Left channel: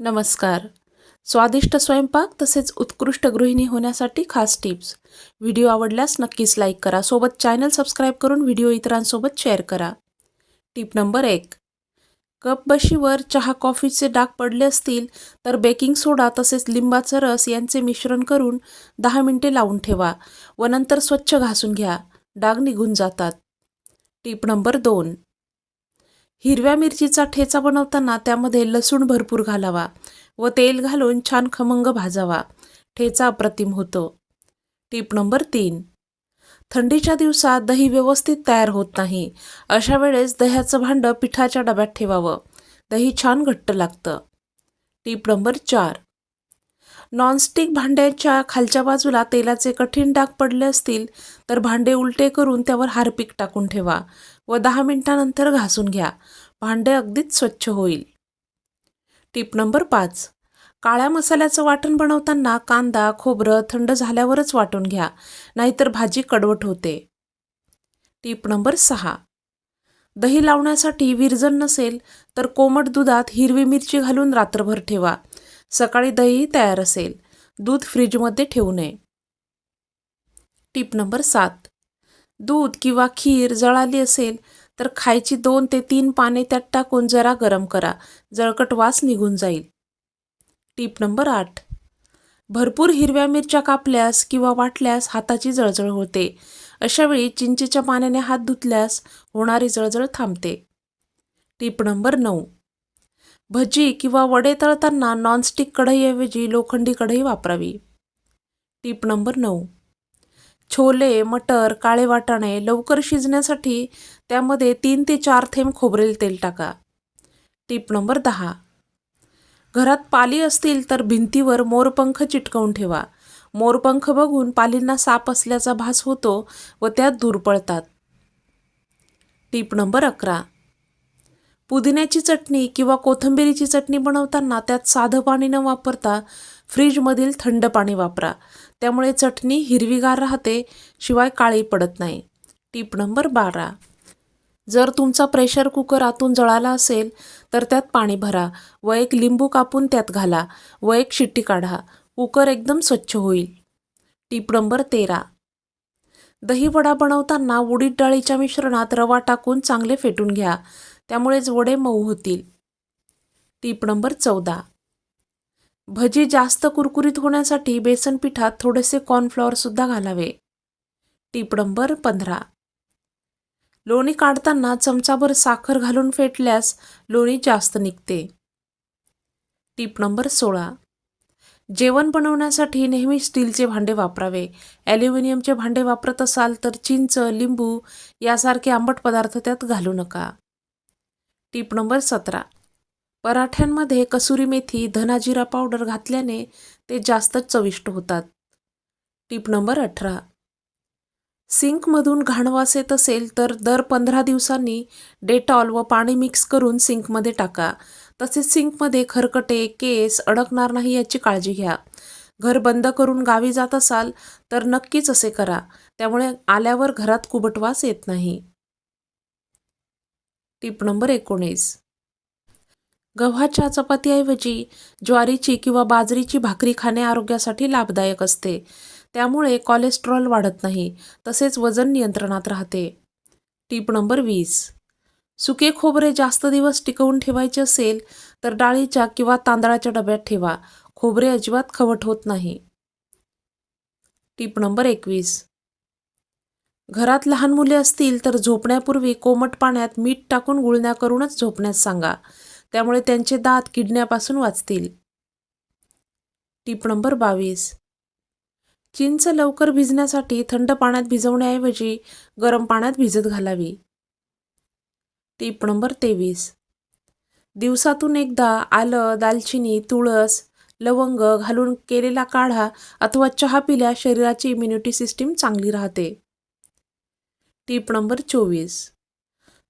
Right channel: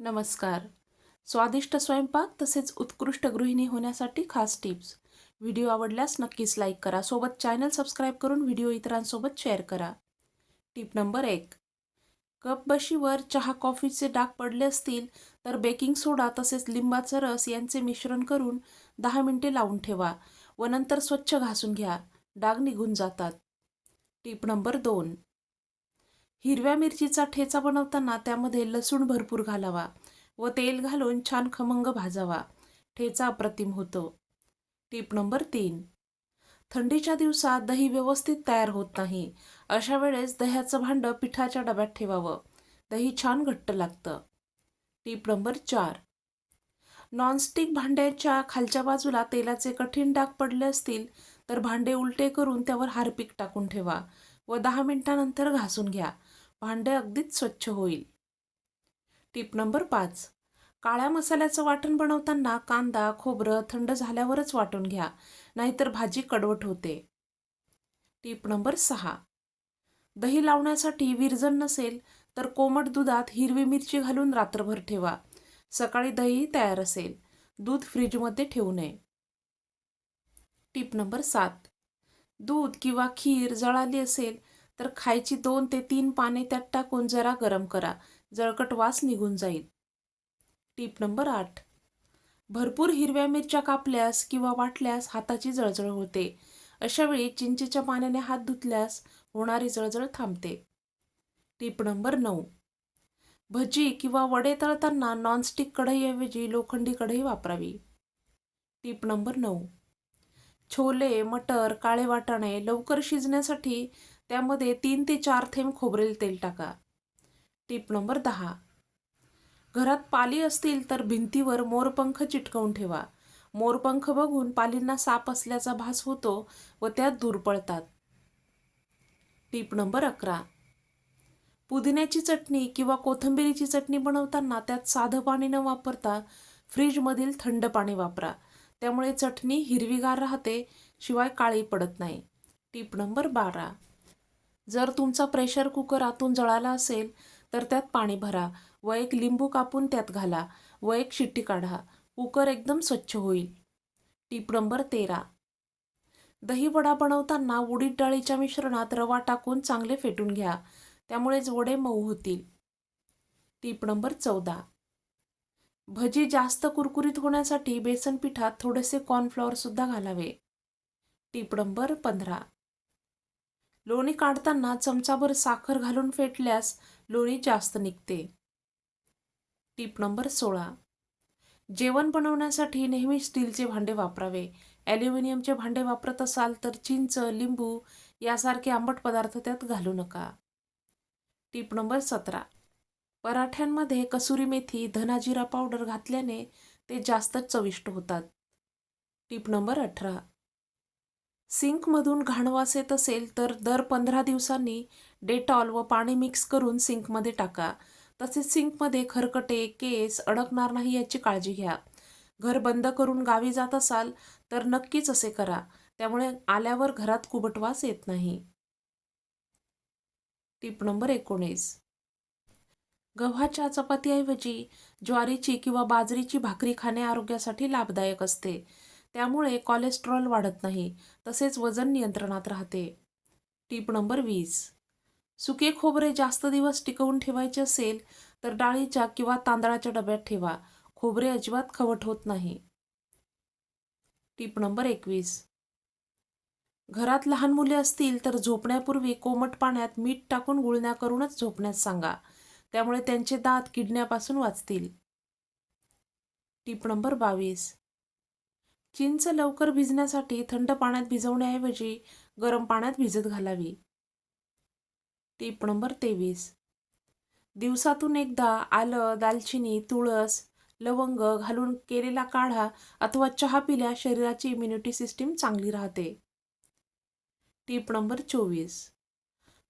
नमस्कार. स्वादिष्ट स्वयंपाक तसेच उत्कृष्ट गृहिणी होण्यासाठी खास टिप्स. व्हिडिओ आवडल्यास नक्कीच लाईक करा. सोबत चॅनल सबस्क्राईब करून व्हिडिओ इतरांसोबत शेअर करा. टिप नंबर एक. कप बशीवर चहा कॉफीचे डाग पडले असतील तर बेकिंग सोडा तसेच लिंबाचा रस यांचे मिश्रण करून दहा मिनिटे लावून ठेवा व नंतर स्वच्छ घासून घ्या. डाग निघून जातात. टिप नंबर दोन. हिरव्या मिरचीचा ठेचा बनवताना त्यामध्ये लसूण भरपूर घालावा व तेल घालून छान खमंग भाजावा. ठेचा अप्रतिम होतो. टीप नंबर तीन. थंडीच्या दिवसात दही व्यवस्थित तयार होत नाही. अशा वेळेस दह्याचं भांडं पिठाच्या डब्यात ठेवावं. दही छान घट्ट लागतं. टीप नंबर चार. नॉनस्टिक भांड्याच्या खालच्या बाजूला तेलाचे कठीण डाग पडले असतील तर भांडे उलटे करून त्यावर हारपीक टाकून ठेवा व दहा मिनिटानंतर घासून घ्या. भांडे अगदीच स्वच्छ होईल. टीप नंबर पाच. काळ्या मसाल्याचं वाटण बनवताना कांदा खोबरं थंड झाल्यावरच वाटून घ्या नाहीतर भाजी कडवट होते. टीप नंबर सहा. दही लावण्यासाठी विरजन नसेल तर कोमट दुधात हिरवी मिरची घालून रात्रभर ठेवा. सकाळी दही तयार असेल. दूध फ्रीजमध्ये ठेवू नये. टीप नंबर सात. दूध किंवा खीर जळाली असेल तर खायची दोन ते तीन पाने त्यात टाकून जरा गरम करा. जळकट वास निघून जाईल. टीप नंबर आठ. भरपूर हिरव्या मिरच्या कापल्यास किंवा वाटल्यास हाताची जळजळ होते. अशावेळी चिंचेच्या पाण्याने हात धुतल्यास होणारी जळजळ थांबते. टीप नंबर नऊ. भजी किंवा वडे तळताना नॉनस्टिक कढईऐवजी लोखंडी कढई वापरावी. टीप नंबर नऊ. छोले मटर काळे वाटाणे लवकर शिजण्यासाठी त्यामध्ये तीन ते चार थेंब खोबरेल तेल टाका. टीप नंबर दहा. घरात पाली असतील तर भिंतीवर मोरपंख चिटकवून ठेवा. मोरपंख बघून पालींना साप असल्याचा भास होतो व त्यात दूर पळतात. टीप नंबर अकरा. पुदिन्याची चटणी किंवा कोथिंबिरीची चटणी बनवताना त्यात साधं पाणी न वापरता फ्रीजमधील थंड पाणी वापरा. त्यामुळे चटणी हिरवीगार राहते शिवाय काळी पडत नाही. टीप नंबर बारा. जर तुमचा प्रेशर कुकर आतून जळाला असेल तर त्यात पाणी भरा व एक लिंबू कापून त्यात घाला व एक शिट्टी काढा. कुकर एकदम स्वच्छ होईल. टीप नंबर तेरा. दही वडा बनवताना उडीद डाळीच्या मिश्रणात रवा टाकून चांगले फेटून घ्या. त्यामुळेच वडे मऊ होतील. टीप नंबर चौदा. भजी जास्त कुरकुरीत होण्यासाठी बेसन पिठात थोडेसे कॉर्नफ्लॉवरसुद्धा घालावे. टीप नंबर पंधरा. लोणी काढताना चमचाभर साखर घालून फेटल्यास लोणी जास्त निघते. टीप नंबर सोळा. जेवण बनवण्यासाठी नेहमी स्टीलचे भांडे वापरावे. ॲल्युमिनियमचे भांडे वापरत असाल तर चिंच लिंबू यासारखे आंबट पदार्थ त्यात घालू नका. टीप नंबर सतरा. पराठ्यांमध्ये कसुरी मेथी धनाजिरा पावडर घातल्याने ते जास्तच चविष्ट होतात. टीप नंबर अठरा. सिंकमधून घाणवास येत असेल तर दर पंधरा दिवसांनी डेटॉल व पाणी मिक्स करून सिंकमध्ये टाका. तसेच सिंकमध्ये खरकटे केस अडकणार नाही याची काळजी घ्या. घर बंद करून गावी जात असाल तर नक्कीच असे करा. त्यामुळे आल्यावर घरात कुबटवास येत नाही. टीप नंबर एकोणीस. गव्हाच्या चपातीऐवजी ज्वारीची किंवा बाजरीची भाकरी खाणे आरोग्यासाठी लाभदायक असते. त्यामुळे कोलेस्ट्रॉल वाढत नाही तसेच वजन नियंत्रणात राहते. टीप नंबर वीस. सुके खोबरे जास्त दिवस टिकवून ठेवायचे असेल तर डाळीच्या किंवा तांदळाच्या डब्यात ठेवा. खोबरे अजिबात खवट होत नाही. टीप नंबर एकवीस. घरात लहान मुले असतील तर झोपण्यापूर्वी कोमट पाण्यात मीठ टाकून गुळण्या करूनच झोपण्यास सांगा. त्यामुळे त्यांचे दात किडण्यापासून वाचतील. टीप नंबर बावीस. चिंच लवकर भिजण्यासाठी थंड पाण्यात भिजवण्याऐवजी गरम पाण्यात भिजत घालावी. टीप नंबर तेवीस. दिवसातून एकदा आलं दालचिनी तुळस लवंग घालून केलेला काढा अथवा चहा पिल्या शरीराची इम्युनिटी सिस्टीम चांगली राहते. टीप नंबर चोवीस.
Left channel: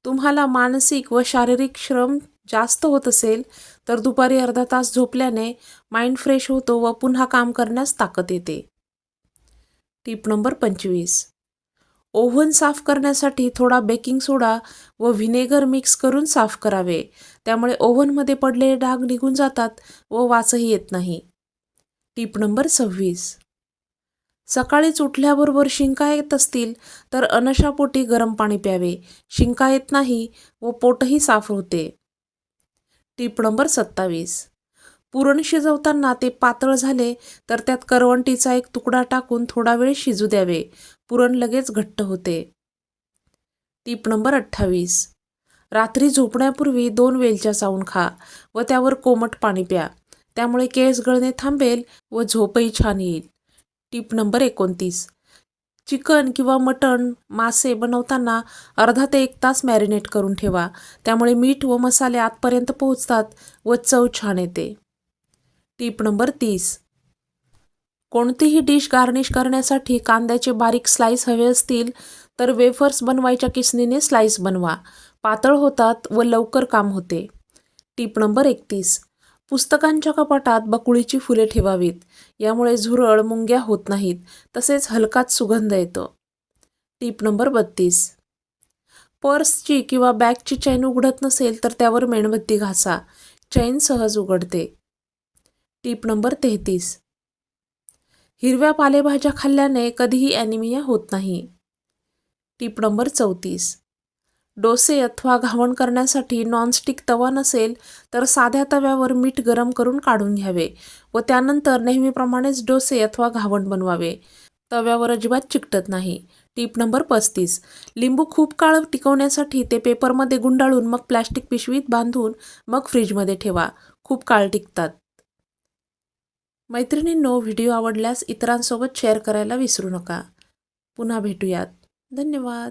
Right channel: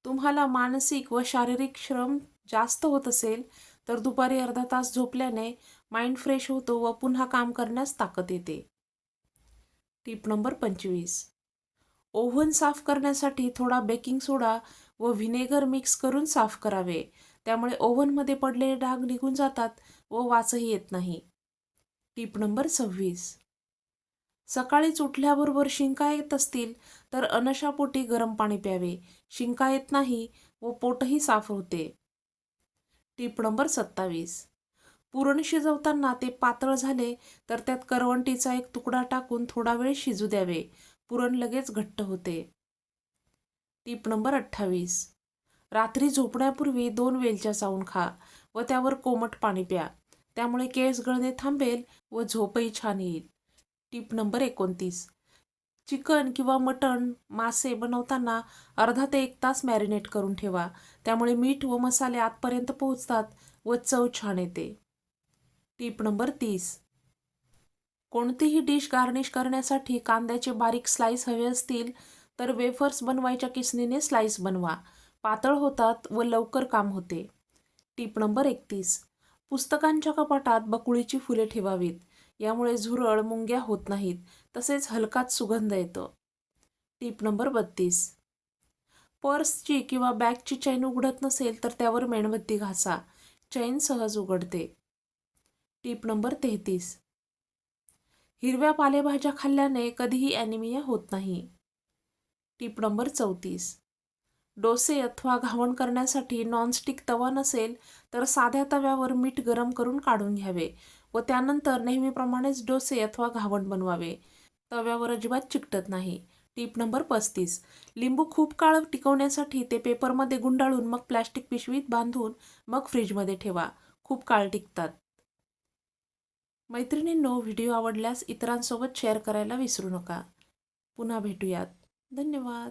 तुम्हाला मानसिक व शारीरिक श्रम जास्त होत असेल तर दुपारी अर्धा तास झोपल्याने माइंड फ्रेश होतो व पुन्हा काम करण्यास ताकद येते. टीप नंबर पंचवीस. ओव्हन साफ करण्यासाठी थोडा बेकिंग सोडा व व्हिनेगर मिक्स करून साफ करावे. त्यामुळे ओव्हनमध्ये पडलेले डाग निघून जातात व वासही येत नाही. टीप नंबर सव्वीस. सकाळीच उठल्याबरोबर शिंका येत असतील तर अनशापोटी गरम पाणी प्यावे. शिंका येत नाही व पोटही साफ होते. टीप नंबर सत्तावीस. पुरण शिजवताना ते पातळ झाले तर त्यात करवंटीचा एक तुकडा टाकून थोडा वेळ शिजू द्यावे. पुरण लगेच घट्ट होते. टीप नंबर अठ्ठावीस. रात्री झोपण्यापूर्वी दोन वेलच्या चावून खा व त्यावर कोमट पाणी प्या. त्यामुळे केस गळणे थांबेल व झोपही छान येईल. टीप नंबर एकोणतीस. चिकन किंवा मटण मासे बनवताना अर्धा ते एक तास मॅरिनेट करून ठेवा. त्यामुळे मीठ व मसाले आतपर्यंत पोहोचतात व चव छान येते. टीप नंबर तीस. कोणतीही डिश गार्निश करण्यासाठी कांद्याचे बारीक स्लाइस हवे असतील तर वेफर्स बनवायच्या किसनीने स्लाइस बनवा. पातळ होतात व लवकर काम होते. टीप नंबर एकतीस. पुस्तकांच्या कपाटात बकुळीची फुले ठेवावीत. यामुळे झुरळ मुंग्या होत नाहीत तसेच हलकाच सुगंध येतो. टीप नंबर बत्तीस. पर्सची किंवा बॅगची चैन उघडत नसेल तर त्यावर मेणबत्ती घासा. चैन सहज उघडते. टीप नंबर तेहतीस. हिरव्या पालेभाज्या खाल्ल्याने कधीही ॲनिमिया होत नाही. टीप नंबर चौतीस. डोसे अथवा घावण करण्यासाठी नॉनस्टिक तवा नसेल तर साध्या तव्यावर मीठ गरम करून काढून घ्यावे व त्यानंतर नेहमीप्रमाणेच डोसे अथवा घावण बनवावे. तव्यावर अजिबात चिकटत नाही. टीप नंबर पस्तीस. लिंबू खूप काळ टिकवण्यासाठी ते पेपरमध्ये गुंडाळून मग प्लॅस्टिक पिशवीत बांधून मग फ्रीजमध्ये ठेवा. खूप काळ टिकतात. मैत्रिणींनो व्हिडिओ आवडल्यास इतरांसोबत शेअर करायला विसरू नका. पुन्हा भेटूयात. धन्यवाद.